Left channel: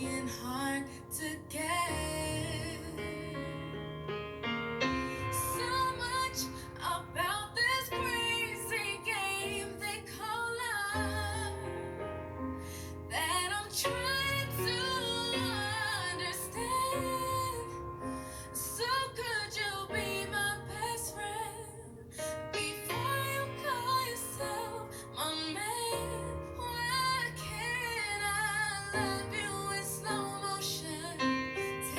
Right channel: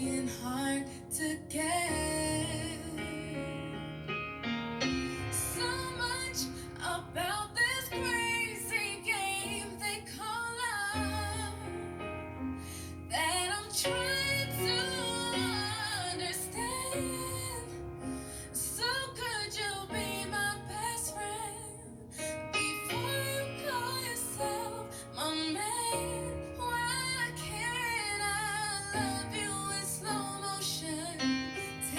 being hard to get. So much about this crazy game they call love that I'm trying to understand. So could you be my best friend before you call yourself my man? Why can't I love you in slow motion?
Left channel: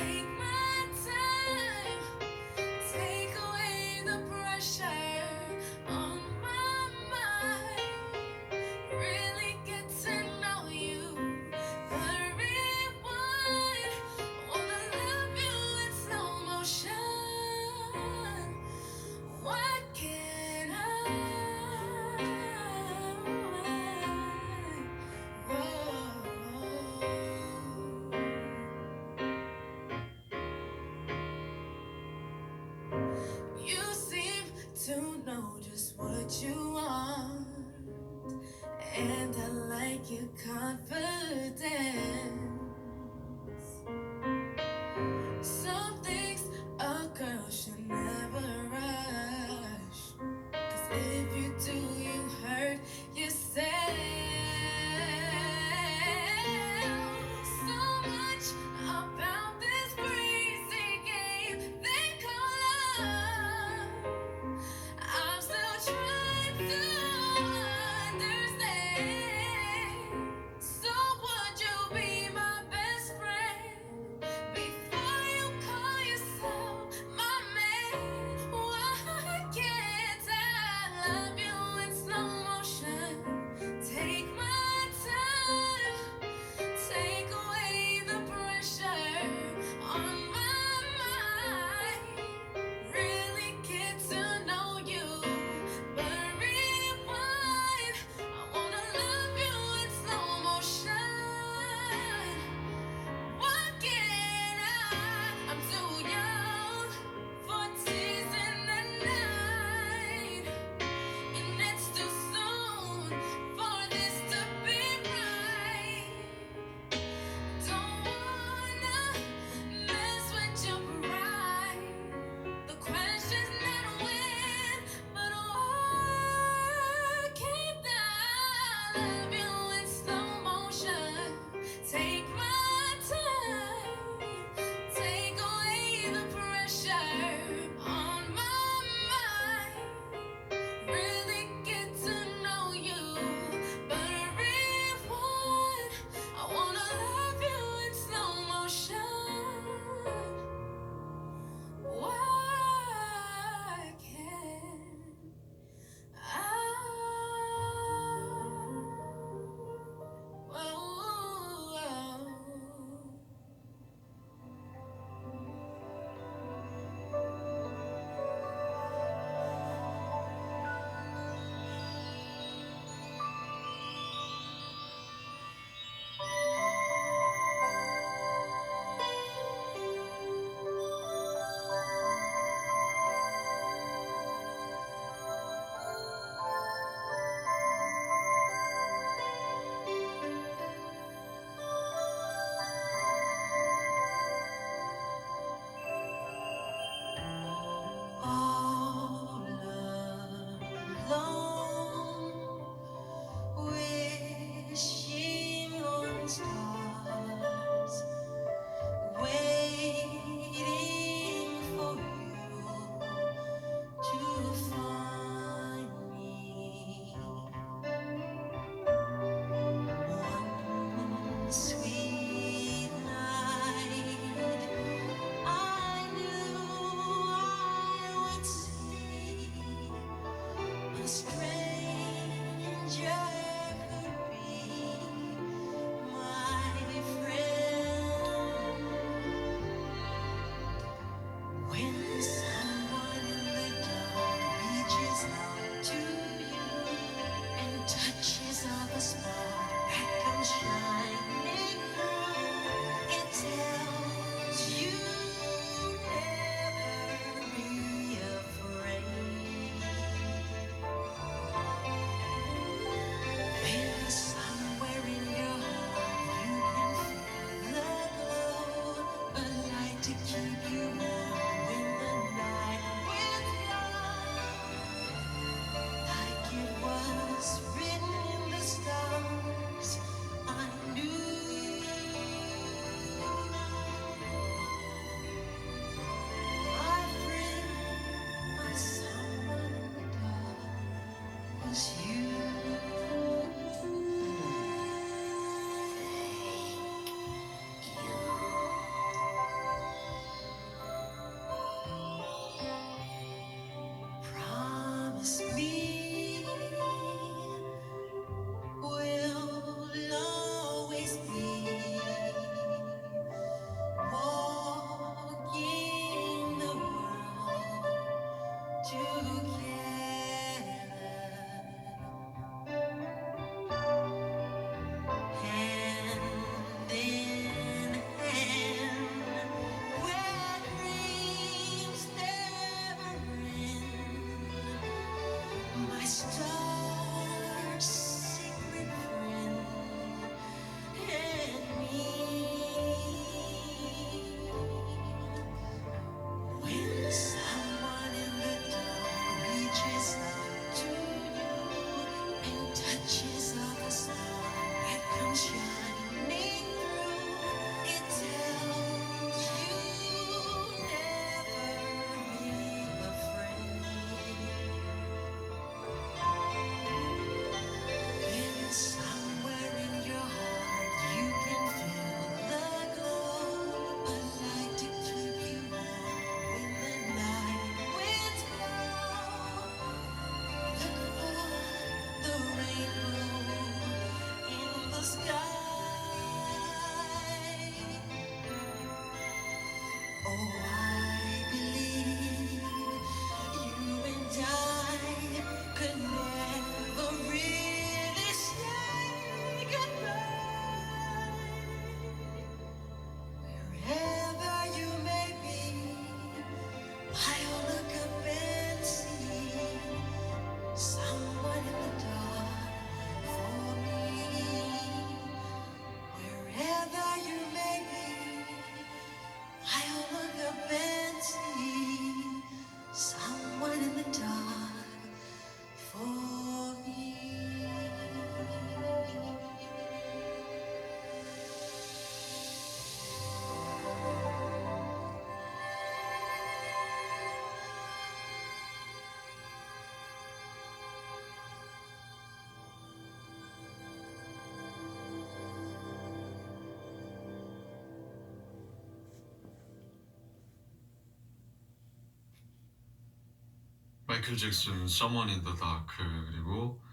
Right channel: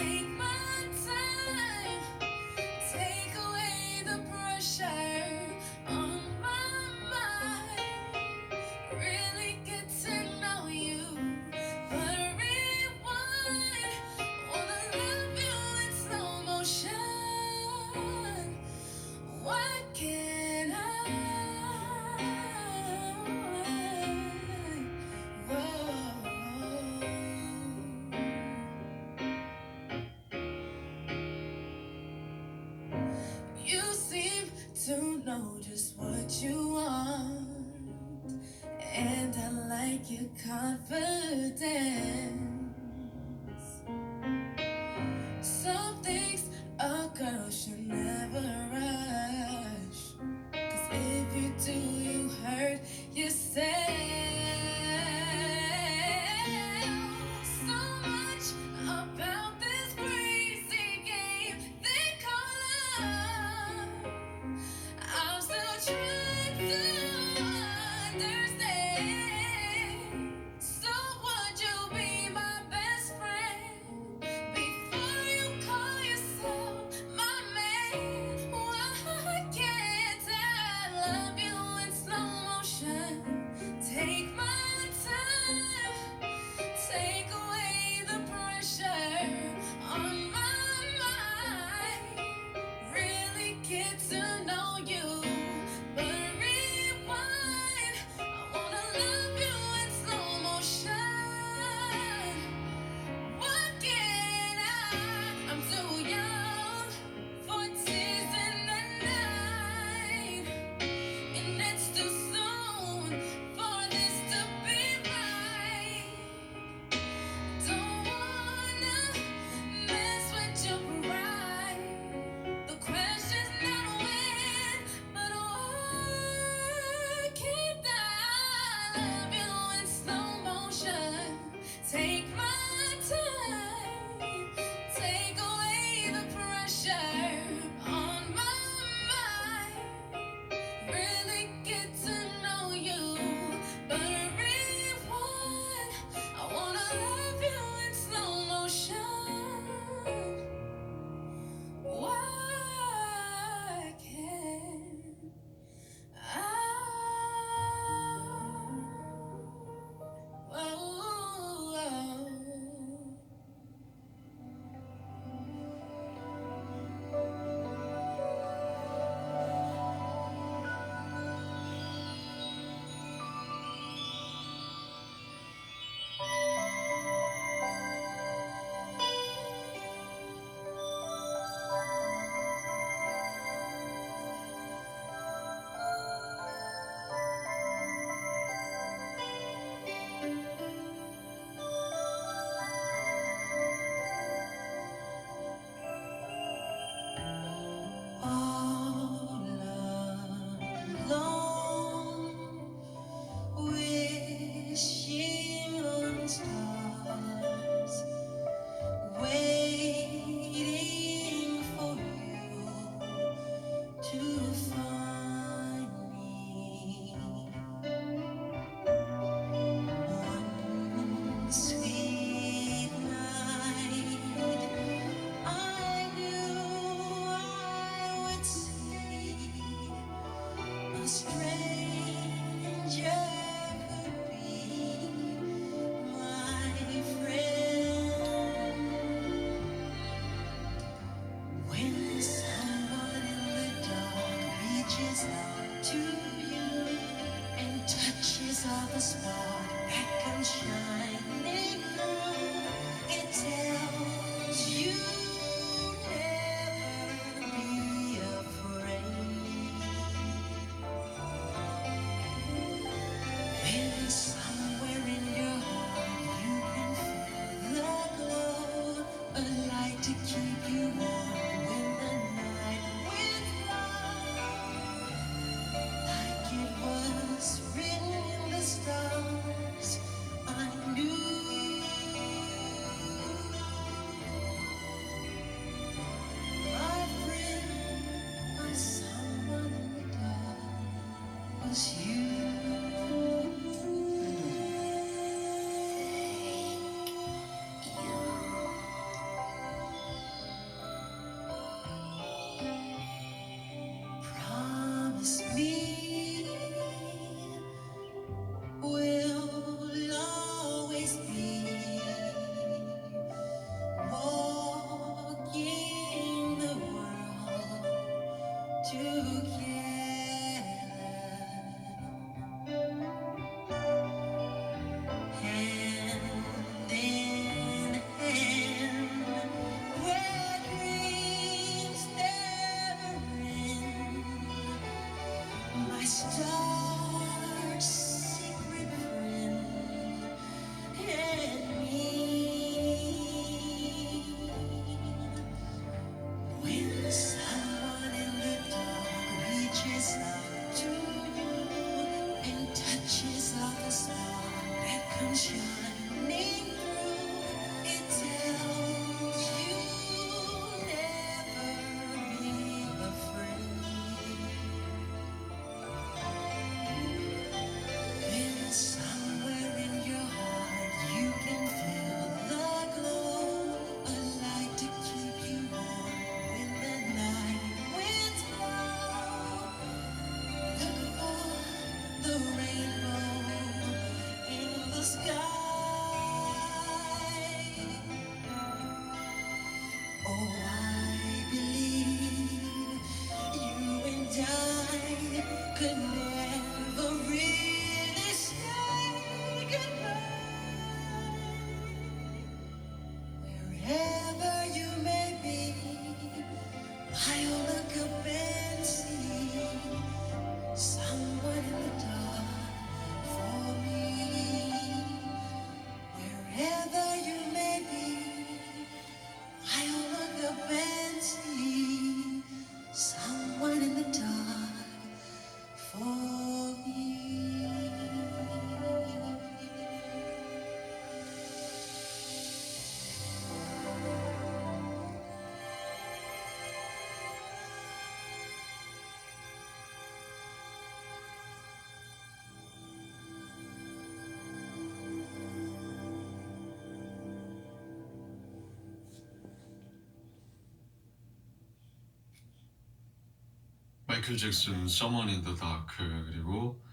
마이클 잭슨 Someone in the Dark 그리고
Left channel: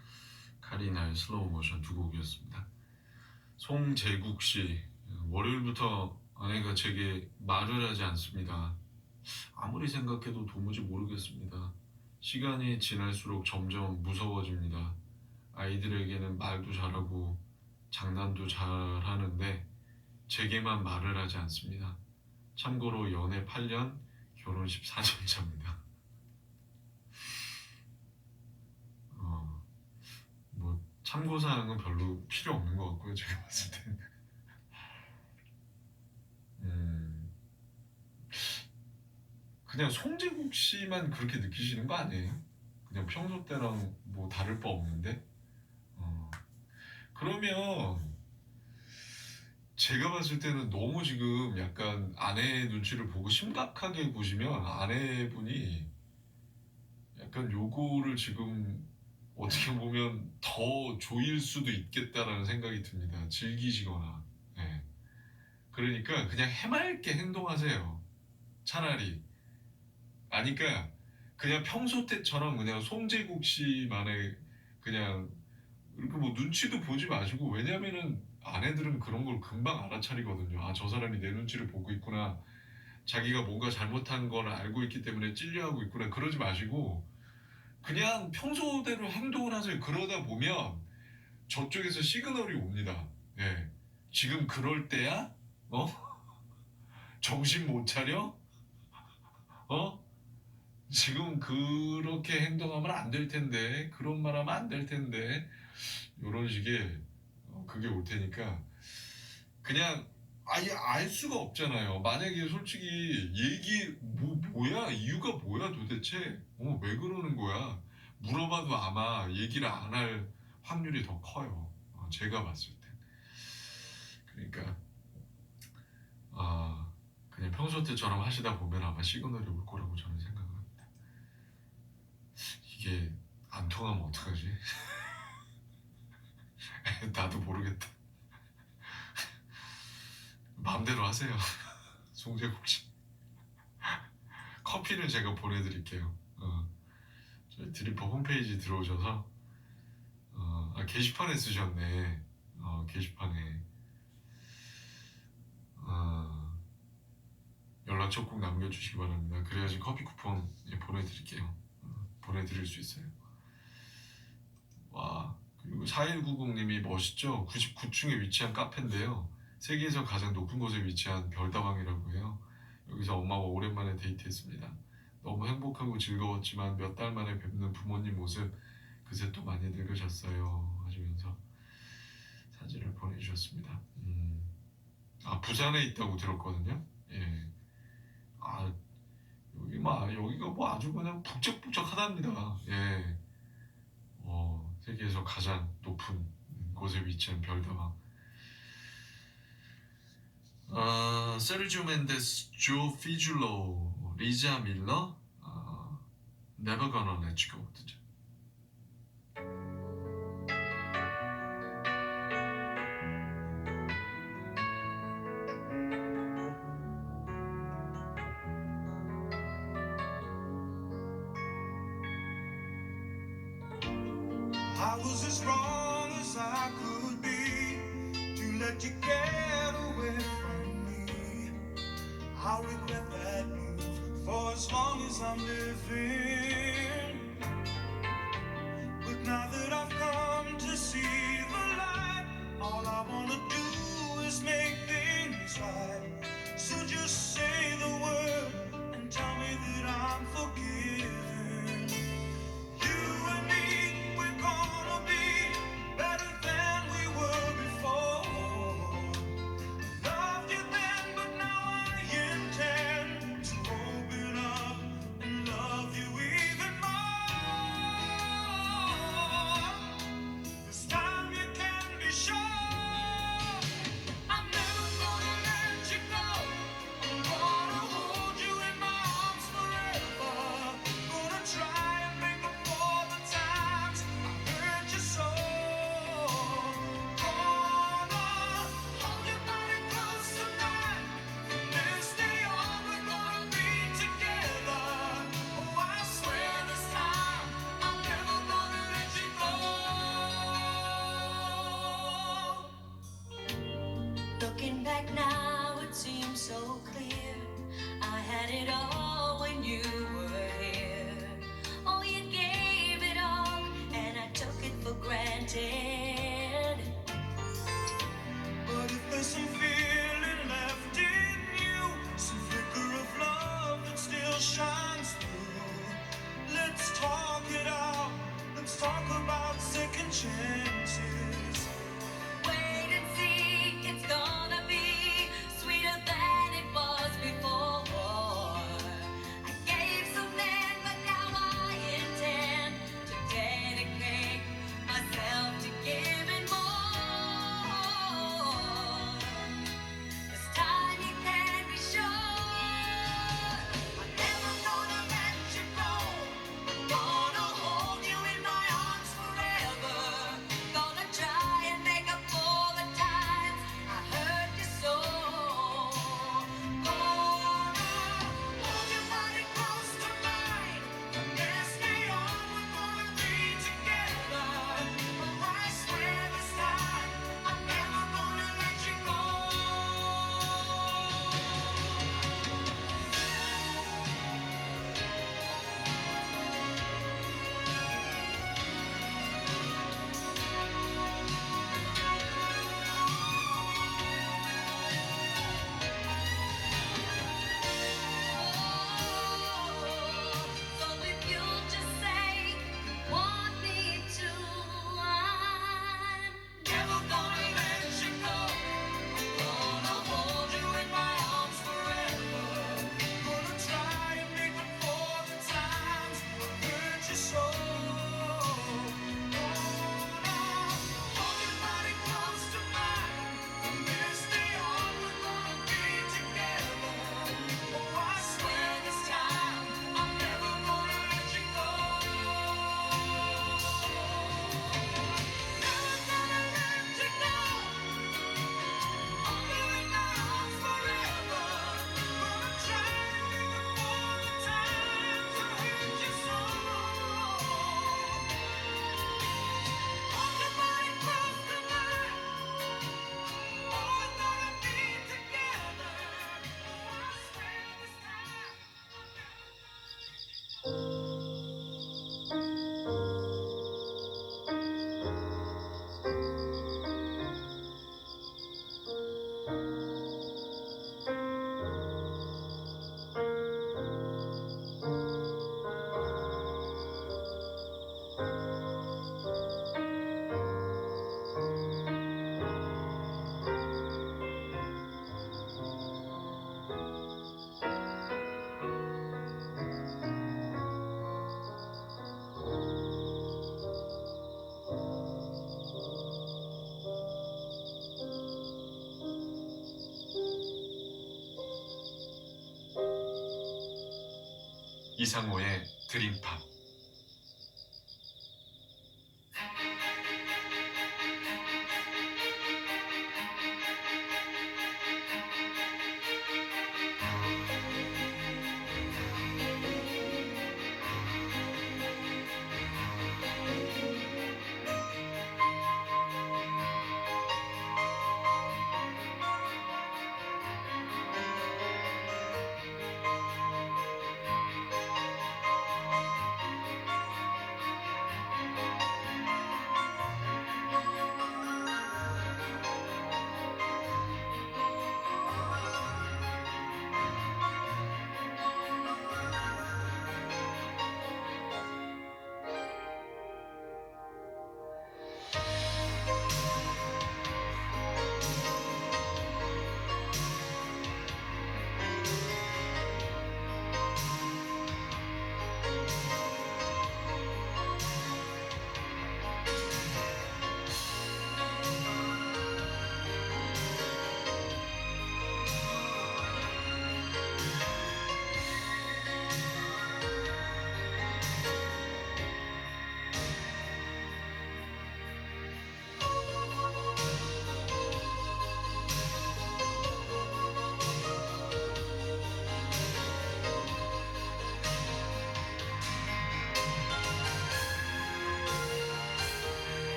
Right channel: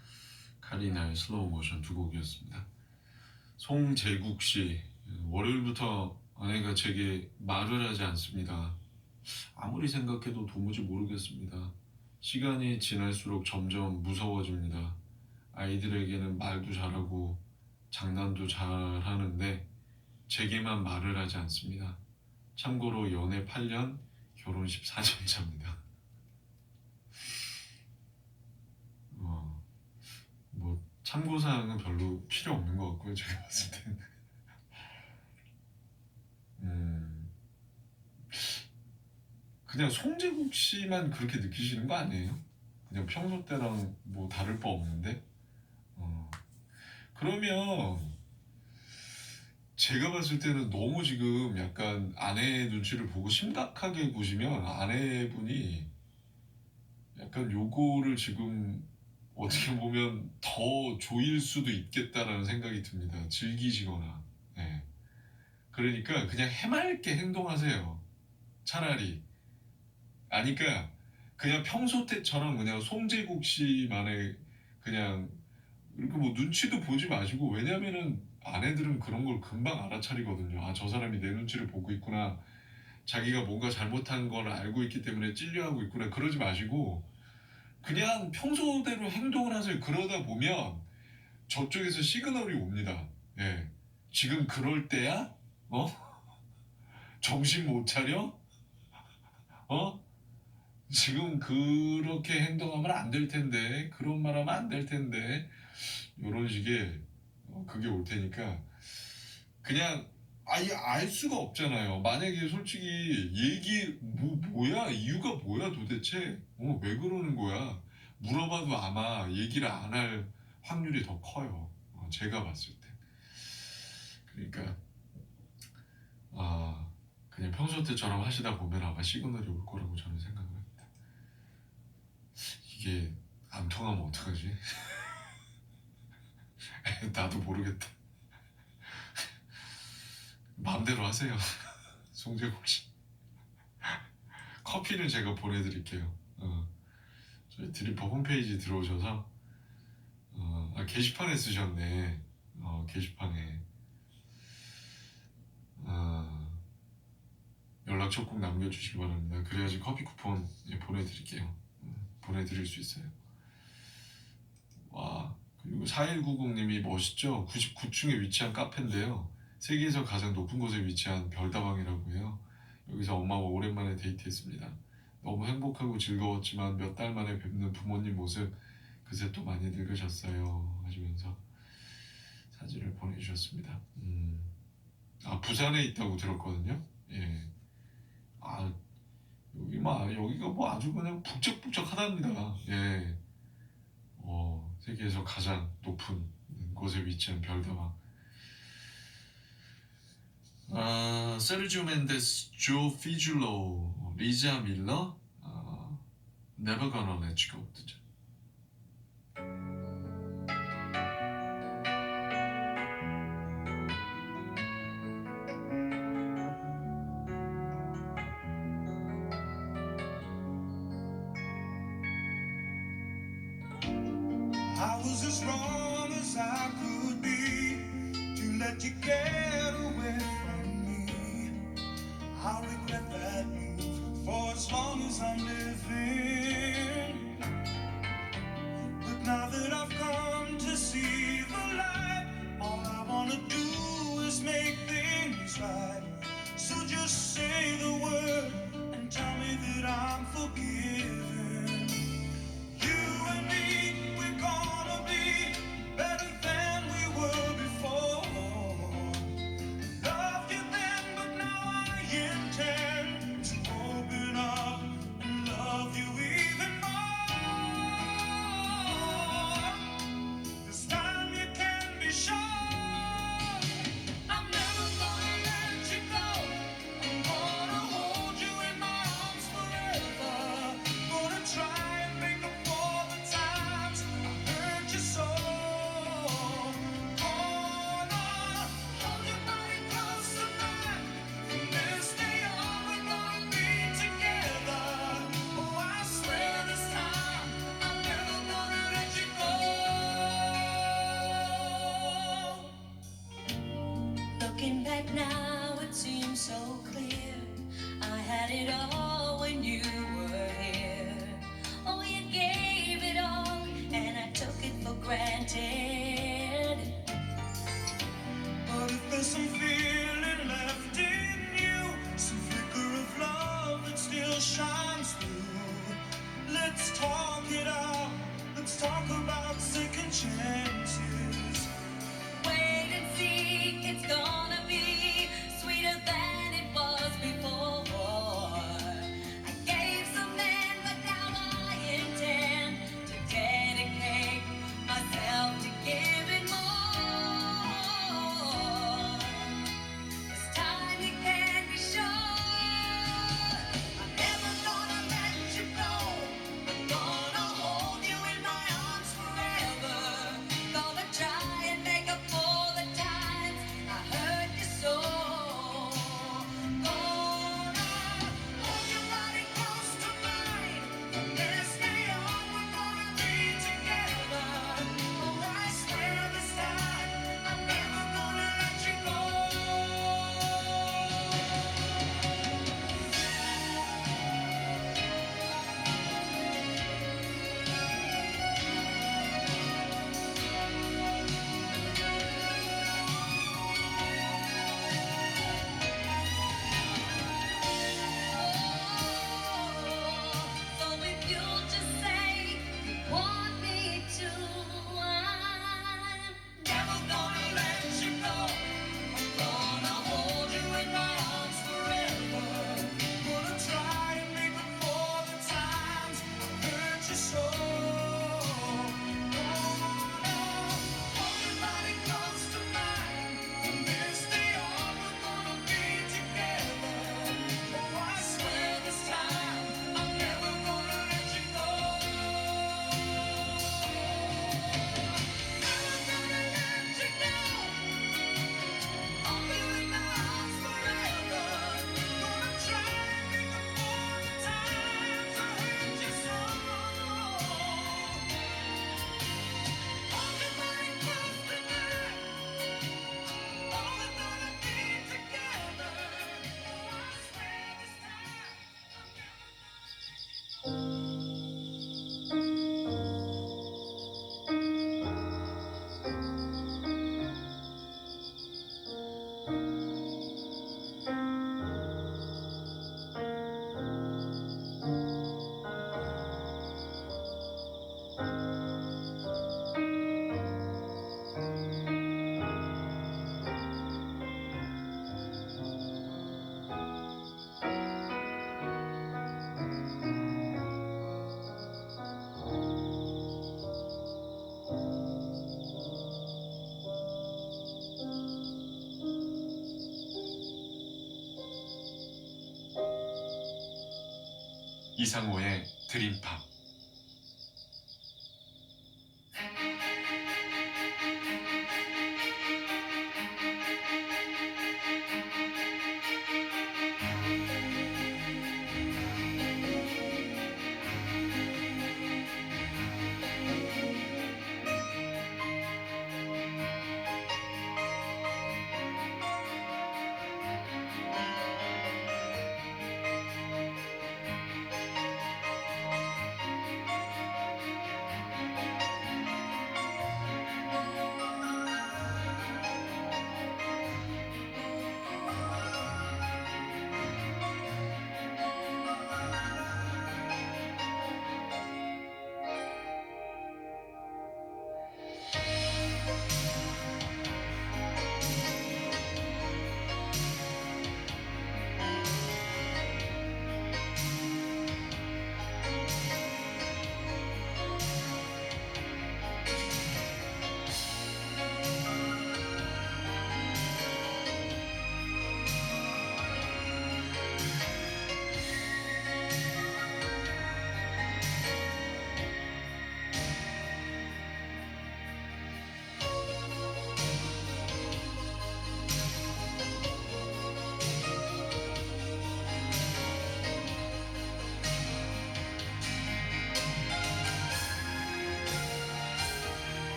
카리나의 슬로우 모션 두 곡이었습니다. 송재국 씨, 월요일부터 아내가 제게 말을 하지 않습니다. 아무리 생각해도 도무지 모르겠습니다. 시간이 지날수록 점점 무서워집니다. 아이들에게는 말도 잘하고 장난도 잘하는데 제게만 말을 하지 않습니다. 참고로 연애 8년, 결혼 14년 차입니다. 뭐 참고사항은 별로 필요 없는 것 같고요. 제가 봤을 때는. 그냥 송재국 씨만 그렇게 느끼시는 거 아니에요? 그냥 평소 때랑 뭐 다를 바 없는데? 그러면 제가 봤을 때는 너무 지금 약간 아내의 눈치를 보고 심각하게 보시면 아내분이 약간 요거를 지금 어떻게 보면 더 조일 수도 있겠다라는 생각이 듭니다. 즐기시거나. 네. 그러니까 그냥 해맑게 행동하세요. 차라리. 아니까 그냥 평소 때처럼 그냥 송재국 씨만의 그냥 이렇게 뭐 눈치도 보지 마시고, 왜냐면은 아내들은 그런 걸 금방 알아차리거든요. 아, 저 사람이 내 눈치를 보고 있구나. 자기가 뭔가 잘못한 걸 알고 있기 때문에 찔려하고 있구나. 그러지 마시고 그냥 평소대로 행동을 하세요. 그러다 보면 저쪽에서 시그널이 옵니다. 네. 지금 그럴 때야? 정신 못 차려? 지금 그렇게 행동하면 안 될 텐데, 그런 말 하면 안 될 텐데, 이런 식의 그게 올 테니까 그냥 아예 알 수가 없잖아요. 만약에 솔직히 뭐야? 이유가 뭐야 도대체? 왜 그러는 거야? 물어봐도 아마 얘기를 안 할 확률이 더 커요. 제가 봤을 때. 그러니까 그냥 평소 때처럼 하시다 보면 아마 시그널이 올 거라고 저는 생각을 합니다. 이게 안 통하면 어떡하지? 나도 모르겠다. 마음대로 하세요. 송재국 씨. 커피는 제가 보내드릴게요. 저희 드리퍼 홈페이지 들어오셔서 게시판에 쓰셨네. 게시판에 연락처 꼭 남겨주시기 바랍니다. 그래야지 커피 쿠폰 보내드릴게요. 보내드릴 수 있어요. 와, 그리고 4190님이 멋있죠? 99층에 위치한 카페인데요. 세계에서 가장 높은 곳에 위치한 별다방이라고 해요. 여기서 엄마와 오랜만에 데이트했습니다. 너무 행복하고 즐거웠지만 몇 달 만에 뵙는 부모님 모습 그새 또 많이 늙으셨어요 하시면서 사진을 보내주셨습니다. 부산에 있다고 들었거든요. 예. 여기가 뭐 아주 그냥 북적북적하답니다. 예. 세계에서 가장 높은 곳에 위치한 별다방. 세르지오 멘데스, 조 피줄로, 리자 밀러, Never Gonna Let You Go 듣죠. I was as wrong as I could be to let you get away from me. I'll regret that move for as long as I'm living. But now that I've come to see the light, all I wanna do is make things right. So just say the word and tell me that I'm forgiven. You and me, we're gonna be better than we were before. Loved you then, but now I intend to open up and love you 이상호의 드림팝.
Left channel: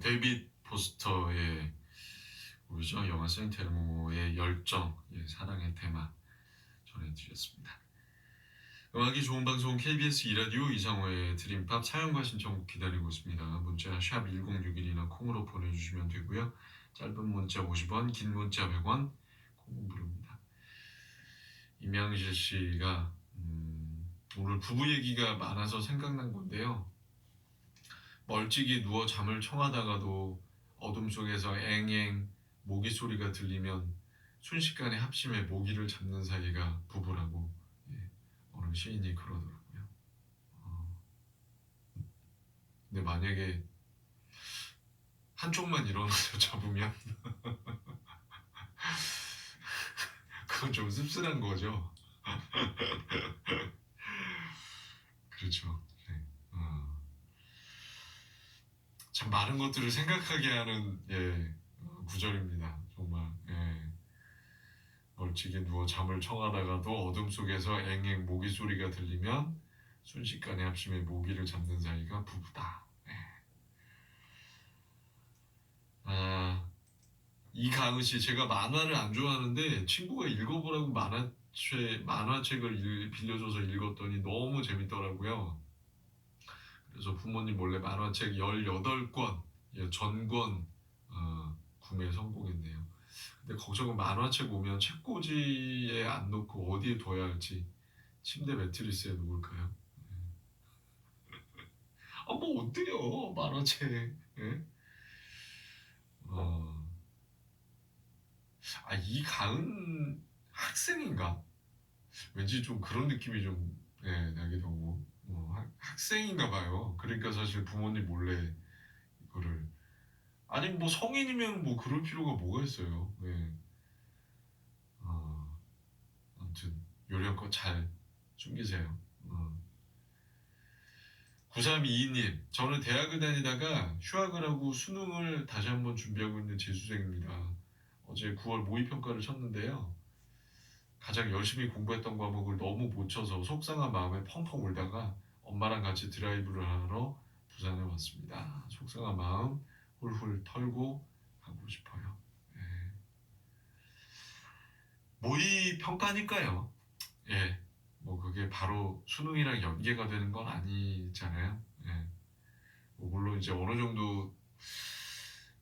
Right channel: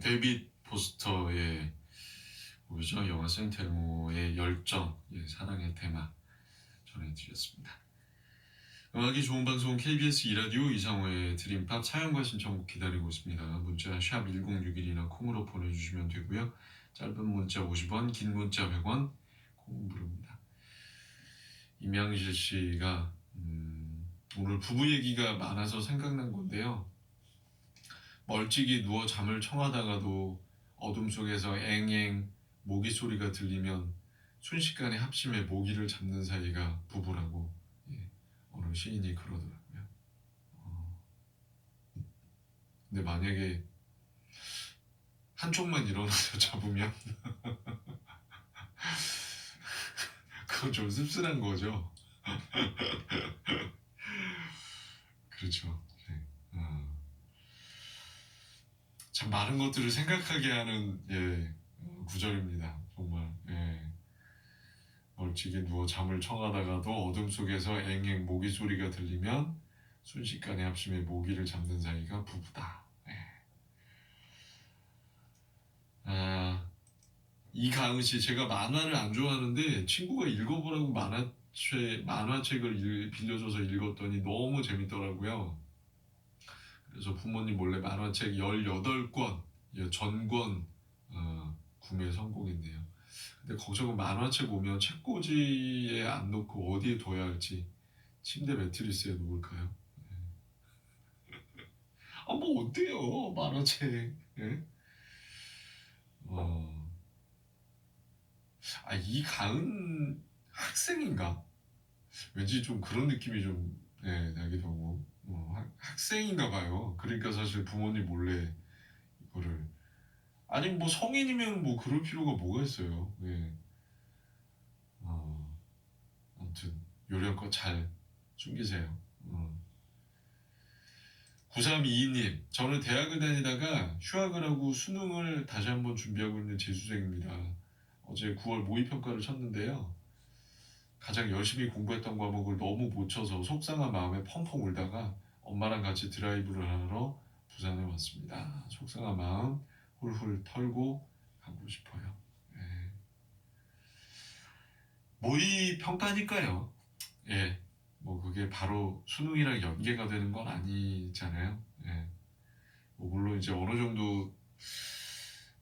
데이빗 포스터의 뭐죠? 영화 센테모의 열정, 사랑의 테마 전해드렸습니다. 음악이 좋은 방송 KBS 2라디오 이상호의 드림팝. 사연과 신청곡 기다리고 있습니다. 문자 샵 1061이나 콩으로 보내주시면 되고요. 짧은 문자 50원, 긴 문자 100원, 콩은 무료입니다. 임양실 씨가 오늘 부부 얘기가 많아서 생각난 건데요. 멀찍이 누워 잠을 청하다가도 어둠 속에서 앵앵 모기 소리가 들리면 순식간에 합심해 모기를 잡는 사이가 부부라고 어느 시인이 그러더라고요. 근데 만약에 한쪽만 일어나서 잡으면 그건 좀 씁쓸한 거죠. 그렇죠. 네. 참 많은 것들을 생각하게 하는 구절입니다. 정말. 멀찍이 누워 잠을 청하다가도 어둠 속에서 앵앵 모기 소리가 들리면 순식간에 합심해 모기를 잡는 사이가 부부다. 이가은 씨, 제가 만화를 안 좋아하는데 친구가 읽어보라고 만화 만화책을 빌려줘서 읽었더니 너무 재밌더라고요. 그래서 부모님 몰래 만화책 18권 전권 구매 성공했네요. 근데 걱정은 만화책 오면 책꽂이에 안 놓고 어디에 둬야 할지. 침대 매트리스에 놓을까요? 뭐 어때요 만화책. 예? 어, 이가은 학생인가? 왠지 좀 그런 느낌이 좀 나기도 하고 학생인가 봐요. 그러니까 사실 부모님 몰래 이거를 아니 뭐 성인이면 뭐 그럴 필요가 뭐가 있어요. 네. 아무튼 요령껏 잘 숨기세요. 9322님, 저는 대학을 다니다가 휴학을 하고 수능을 다시 한번 준비하고 있는 재수생입니다. 어제 9월 모의평가를 쳤는데요. 가장 열심히 공부했던 과목을 너무 못 쳐서 속상한 마음에 펑펑 울다가 엄마랑 같이 드라이브를 하러 부산에 왔습니다. 속상한 마음 훌훌 털고 가고 싶어요. 예. 모의평가니까요. 예. 뭐 그게 바로 수능이랑 연계가 되는 건 아니잖아요. 예. 뭐 물론 이제 어느 정도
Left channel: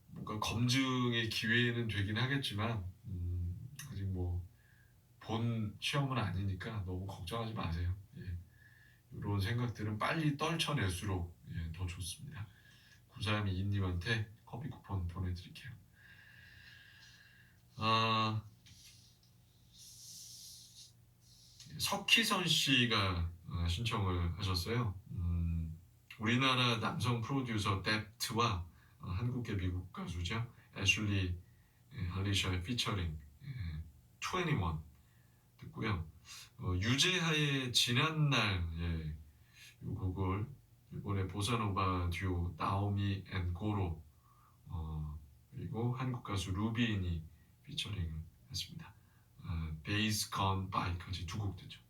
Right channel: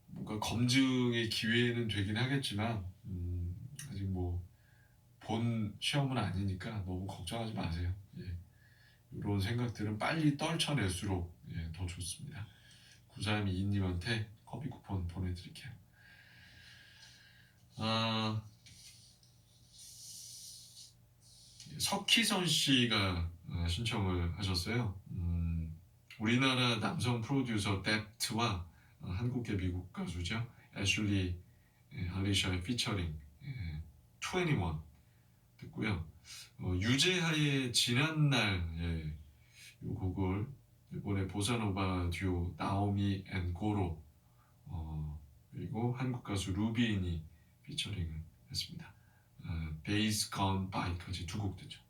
뭔가 검증의 기회는 되긴 하겠지만 아직 뭐 본 시험은 아니니까 너무 걱정하지 마세요. 예. 이런 생각들은 빨리 떨쳐낼수록 더 좋습니다. 9322님한테 커피 쿠폰 보내드릴게요. 석희선 씨가 신청을 하셨어요. 우리나라 남성 프로듀서 뎁트와 한국계 미국 가수죠. 애슐리 알리샤의 피처링 21 듣고요. 유재하의 지난날 이 곡을 이번에 보사노바 듀오 나오미 앤 고로 그리고 한국 가수 루비인이 피처링을 했습니다. Days Gone By까지 두 곡 듣죠.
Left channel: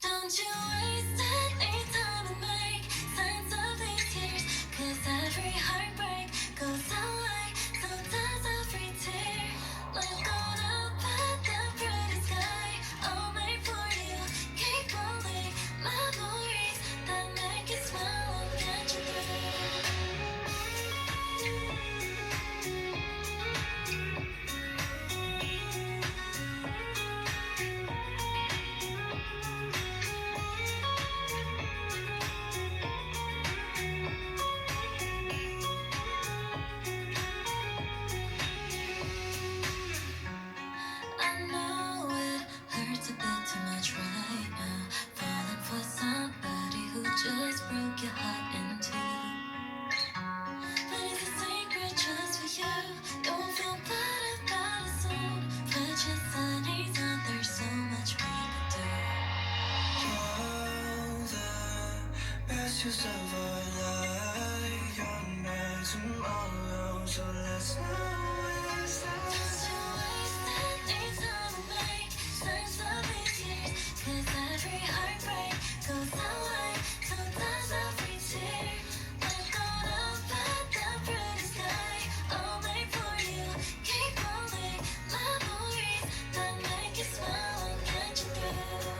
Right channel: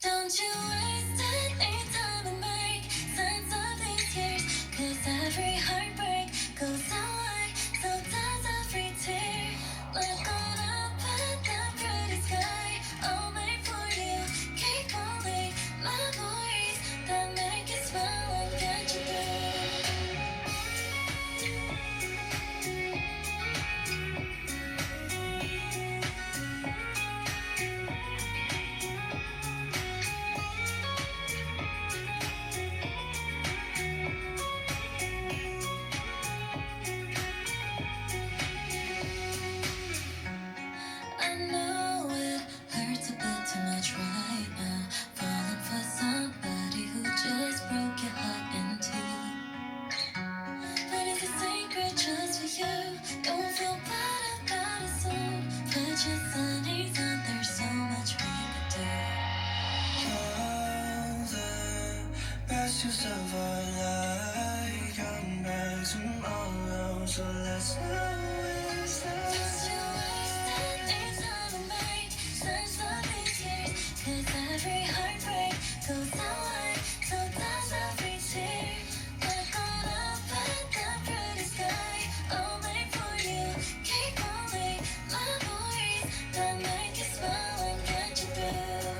Don't you waste any time and make sense of these years, 'cause every heartbreak goes away, so does every tear. Look on up at the pretty sky, all made for you. Keep holding memories that make you smile and get you through. I know it hurts a bit too much right now, falling for somebody who just broke your heart in two. But it's a secret just for you. You won't feel bad about it soon. Put your sunnies on, there's so much we could do. All the best years of our life come back tomorrow, so let's not waste that. Don't you waste any time and make sense of these years, 'cause every heartbreak goes away, so does every tear. Look on up at the pretty sky, all made for you. Keep holding memories that make you smile and get you through.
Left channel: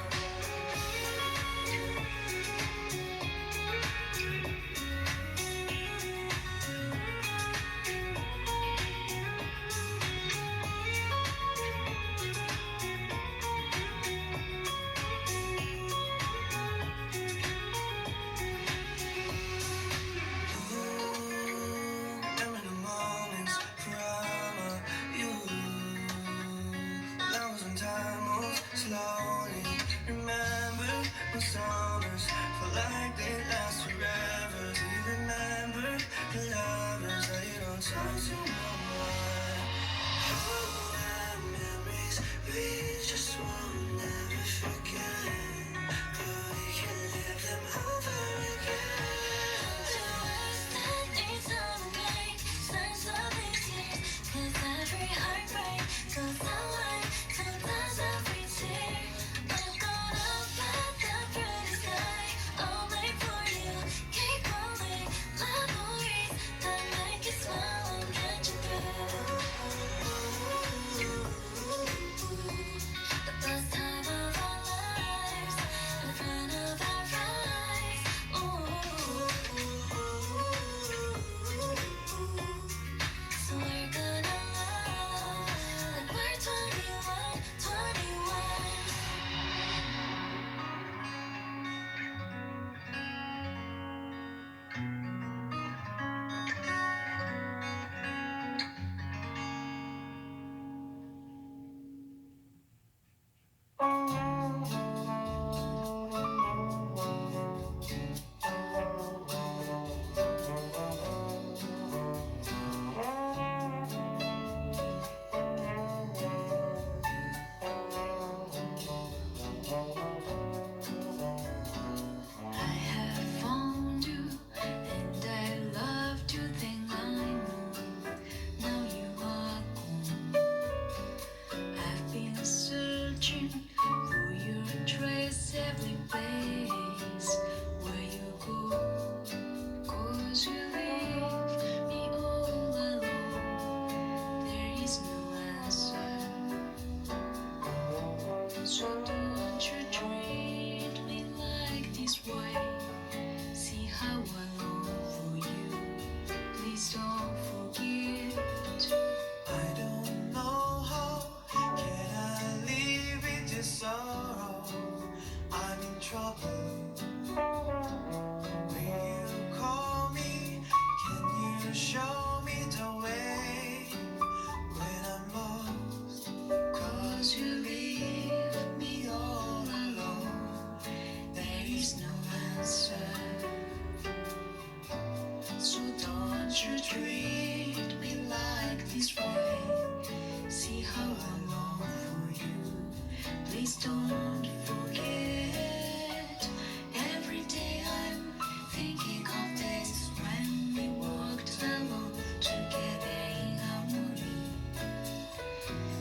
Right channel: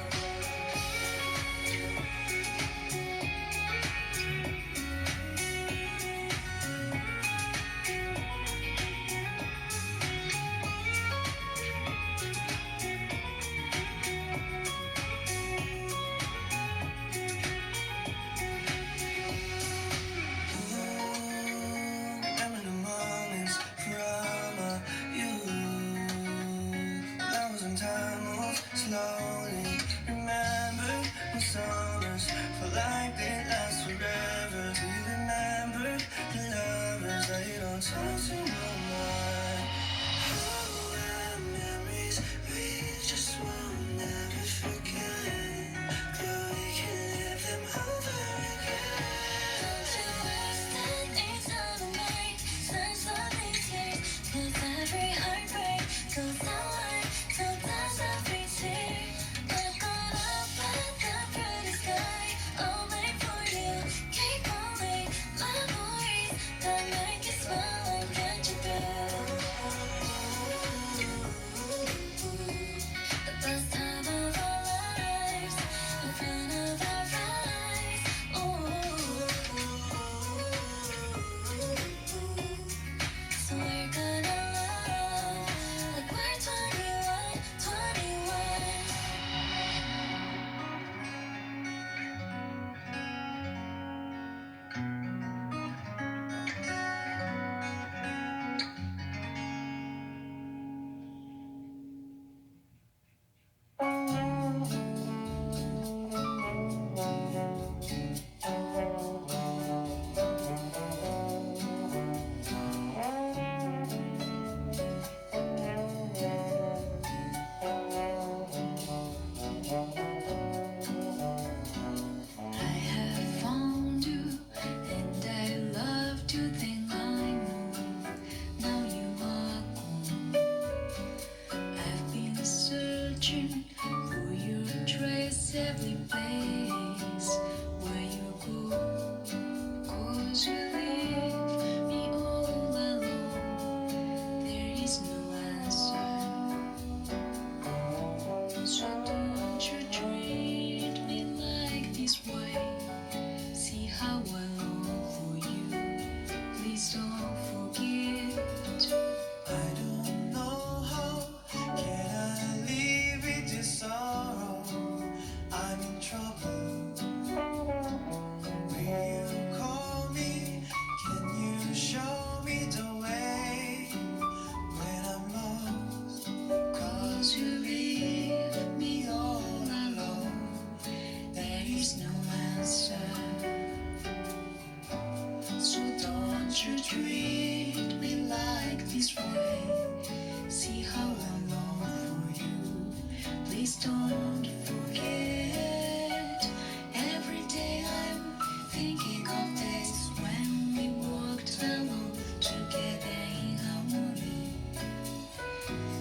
don't forget. Every day I'm thinking of this when we walked along together in harmony,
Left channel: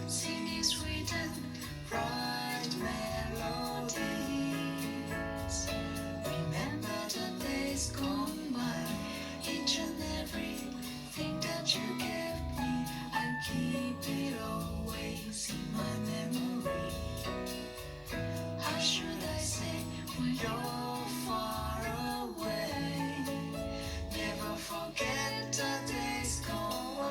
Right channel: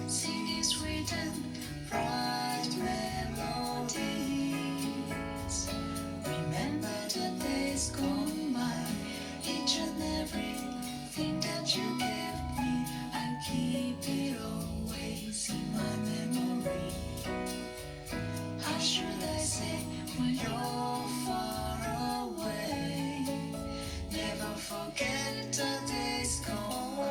singing sweet and bright melodies. Remember the days gone by, each and everything that you gave me, I keep it always in my memory. How should I say when you're far away? Never forget the days gone by.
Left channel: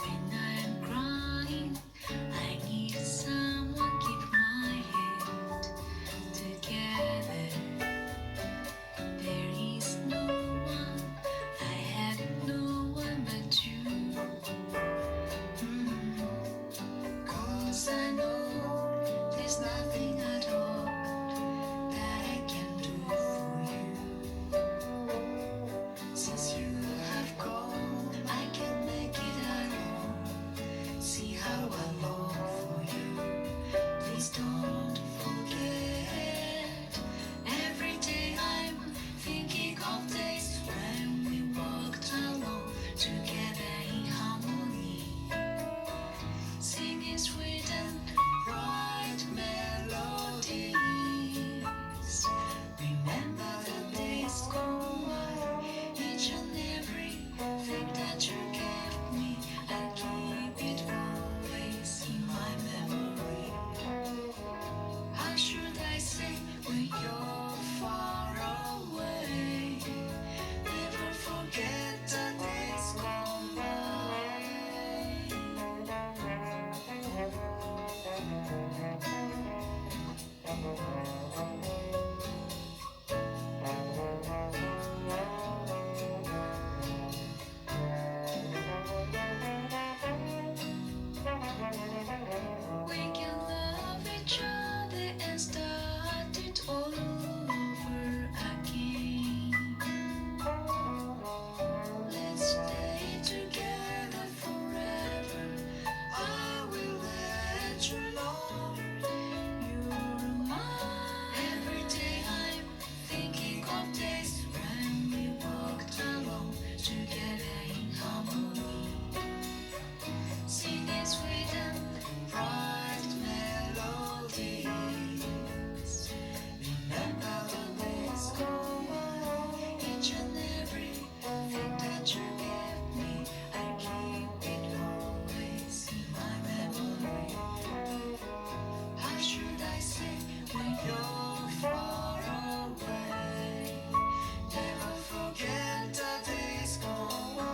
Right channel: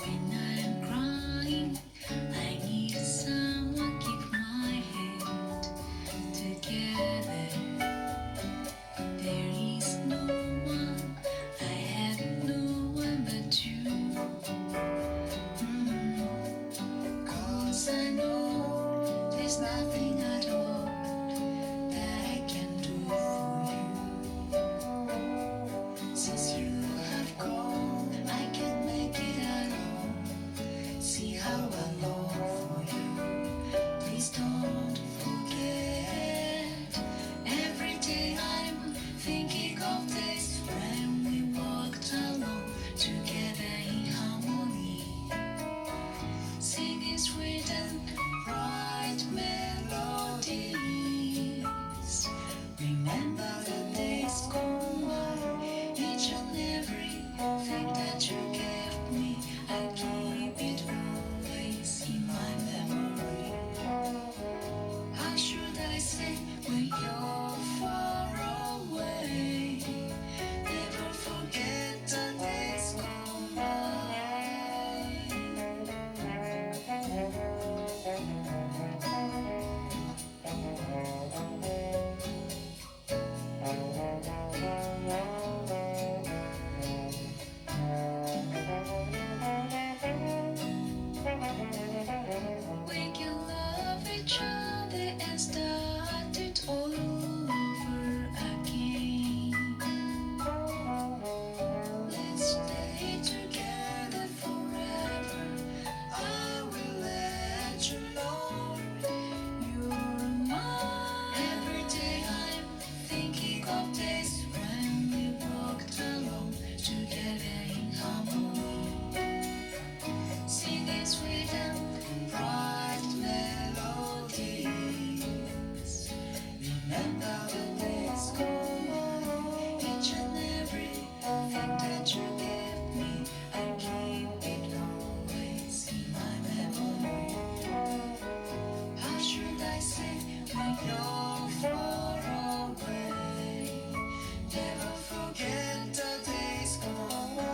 When I'm crying, I need someone keep my head together. There is no one, I have no one but you. 'Cause I know there's nothing at all that I can do for you. Since you have gone, I can't make it at all. See how I long for you. Please don't forget. Every day I'm thinking of this when we walked along together in harmony, singing sweet and bright melodies. Remember the days gone by, each and everything that you gave me, I keep it always in my memory. How should I say when you're far away? Never forget the days gone by. We can love each other and start it all over again. Let's stay together forever. I will let you know you're mine. Every day I'm thinking of this when we walked along together in harmony, singing sweet and bright melodies. Remember the days gone by, each and everything that you gave me, I keep it always in my memory. How should I say when you're far away? Never forget the days gone by.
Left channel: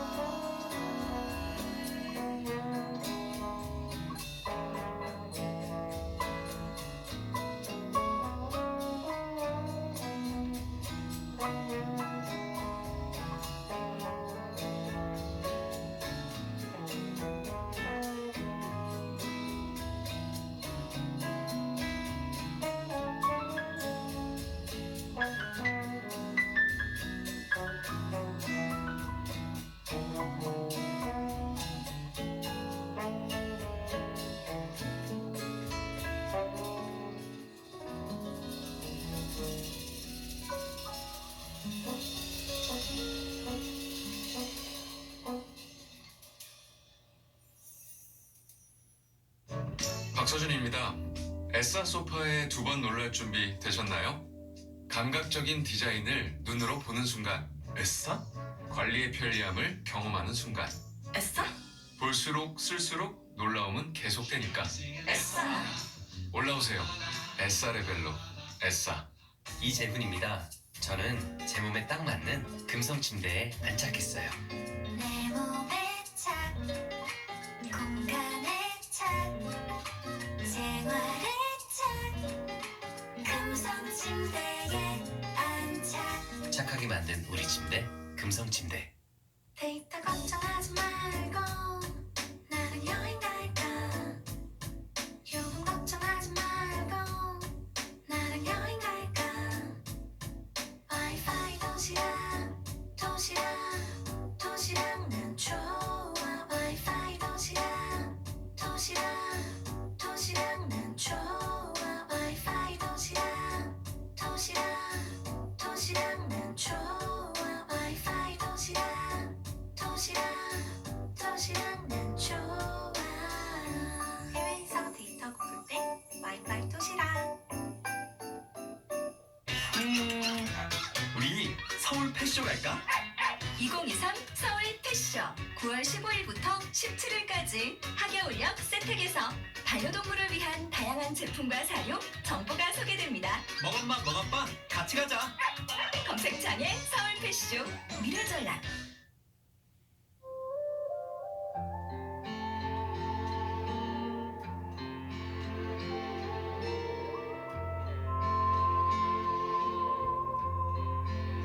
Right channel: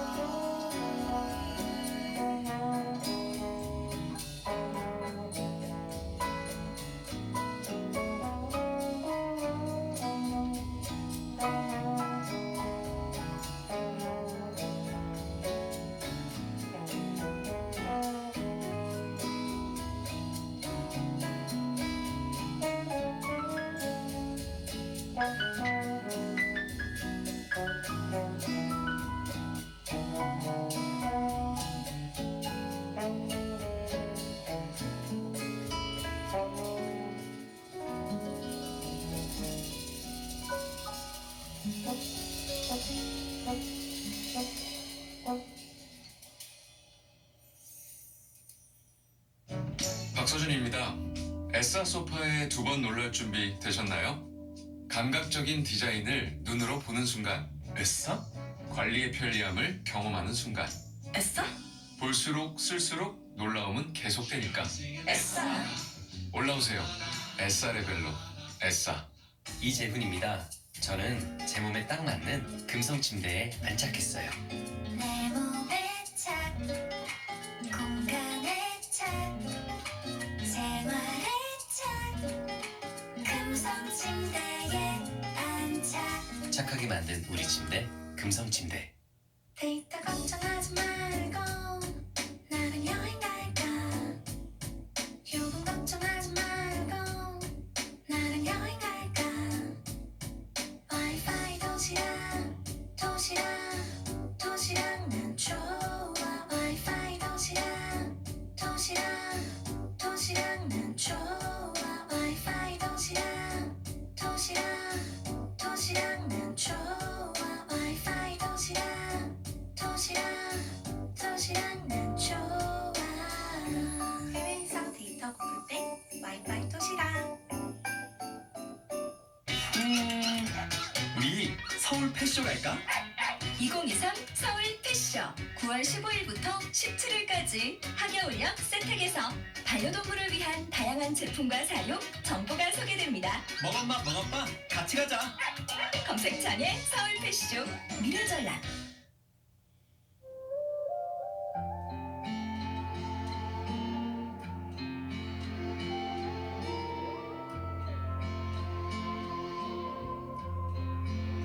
박서준입니다. 에싸 소파에 두 번 놀랄 준비 되셨나요? 감각적인 디자인을 눈으로 보는 순간, 에싸? 관리의 편리함을 경험하는 순간, 에싸? 볼수록 쓸수록 놀라움은 계속되니까. 에싸. 올라오세요. 에싸 레벨로. 에싸. 이재훈입니다. 저는 제 몸에 딱 맞는 금성 침대에 안착했어요. 내 몸에 착, 공간에 착, 생활에 착, 금성 침대에 안착. 착하게 만든 우리 침대, 금성 침대. 데이터 걱정하지 말고 나랑 여행 갈까. 요금 걱정하지 말고 나랑 여행 갈까. 와이파이 도시락 서울 패쇼 갈까? 2023 서울 패쇼 9월 15일부터 17일까지 하계올역 세택에서 반려동물을 위한 다양한 제품과 사용, 정보가 소개됩니다. 먹엄마 같이 가자. 검색창에 서울 패쇼 미래전략.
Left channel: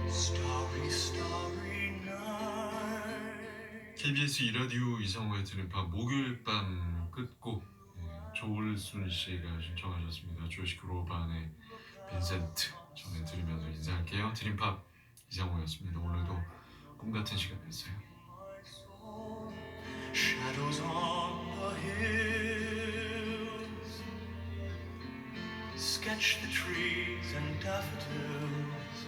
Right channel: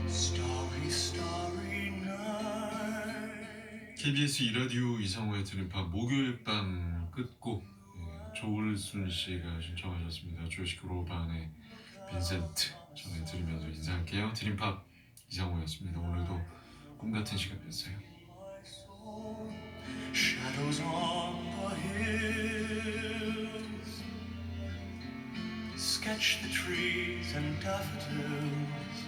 Starry, starry night. KBS 이라디오 이상호의 드림팝 목요일 밤 끝곡 조울순 씨가 신청하셨습니다. 조시 그로반의 빈센트 전해드리면서 인사할게요. 드림팝 이상호였습니다. 오늘도 꿈같은 시간이었어요. Shadows on the hills sketch the trees and daffodils,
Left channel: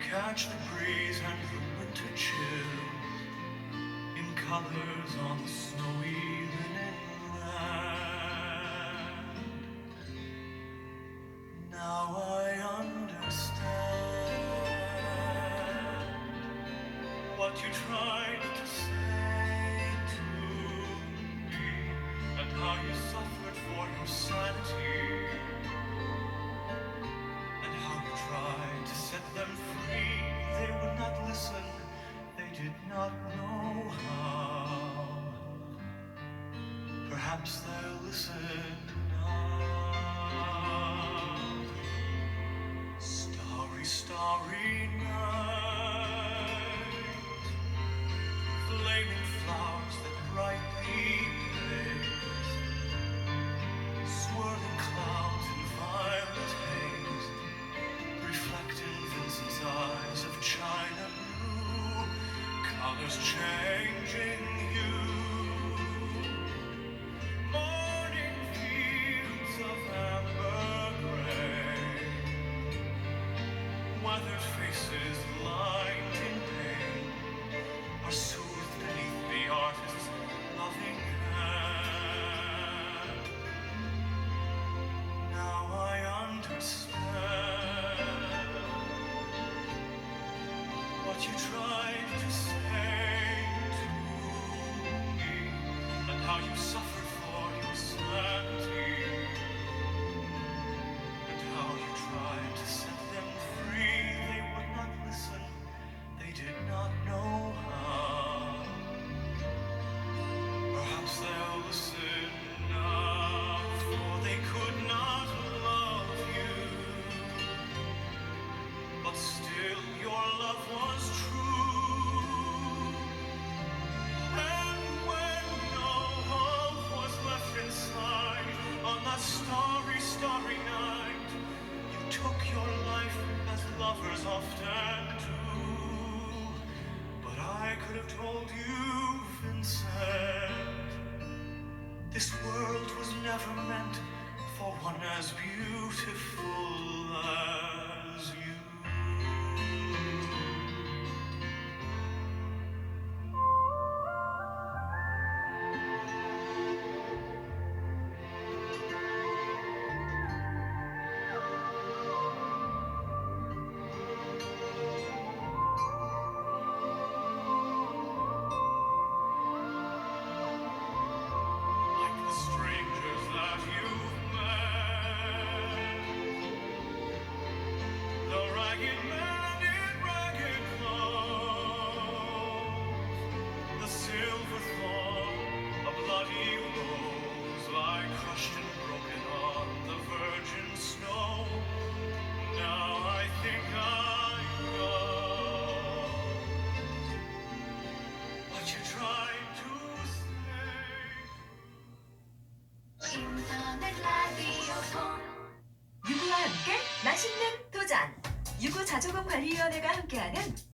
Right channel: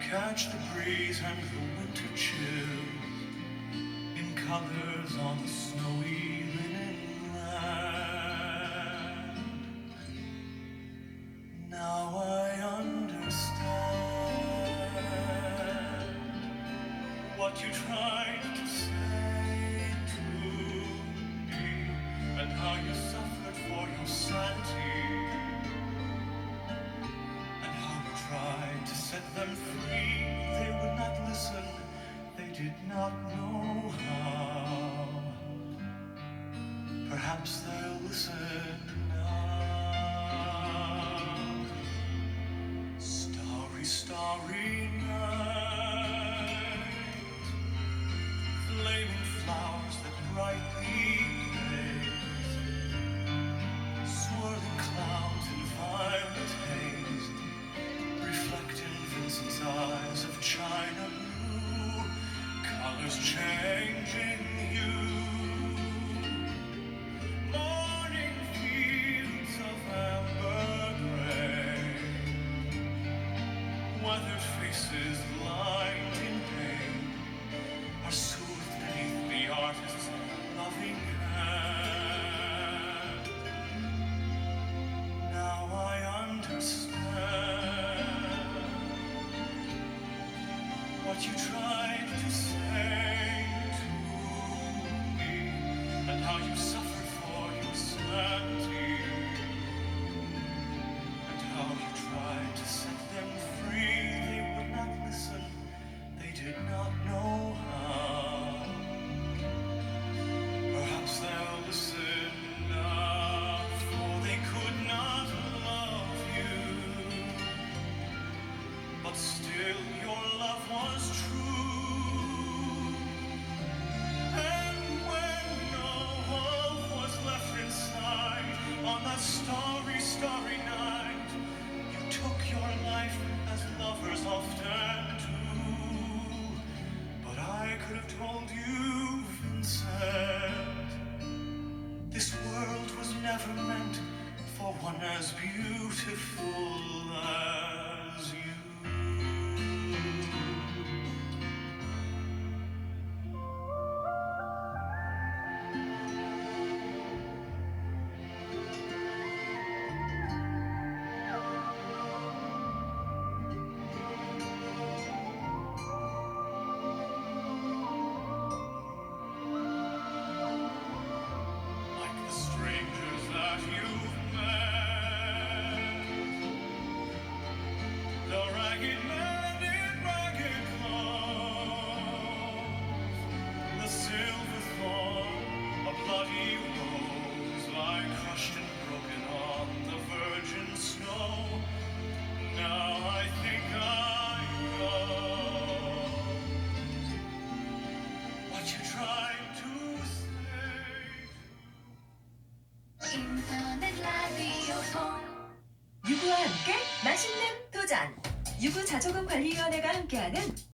catch the breeze and the winter chills in colors on the snowy linen land. Now I understand what you tried to say to me, and how you suffered for your sanity, and how you tried to set them free. They would not listen, they did not know how. Perhaps they'll listen now. Starry, starry night, flaming flowers that brightly blaze, swirling clouds in violet haze, reflecting Vincent's eyes of china blue, colors changing hue. Morning fields of amber gray, weathered faces lined in pain are soothed beneath the artist's loving hand. Now I understand what you tried to say to me, and how you suffered for your sanity, and how you tried to set them free. They would not listen, they did not know how. Perhaps they'll listen now, for they could not love you, but still your love was true. And when no hope was left inside, on that starry, starry night, you took your life as lovers often do. But I could have told you, Vincent, this world was never meant for one as beautiful as you. Like the strangers that you've met, the ragged man in ragged clothes, the silver thorn, a bloody rose, lie crushed and broken on the virgin snow. Now I think I know what you tried to say. 인터넷 라디오폰 유구와 함께 맛있는 도전 유구 자조금 관리위원회가 함께하는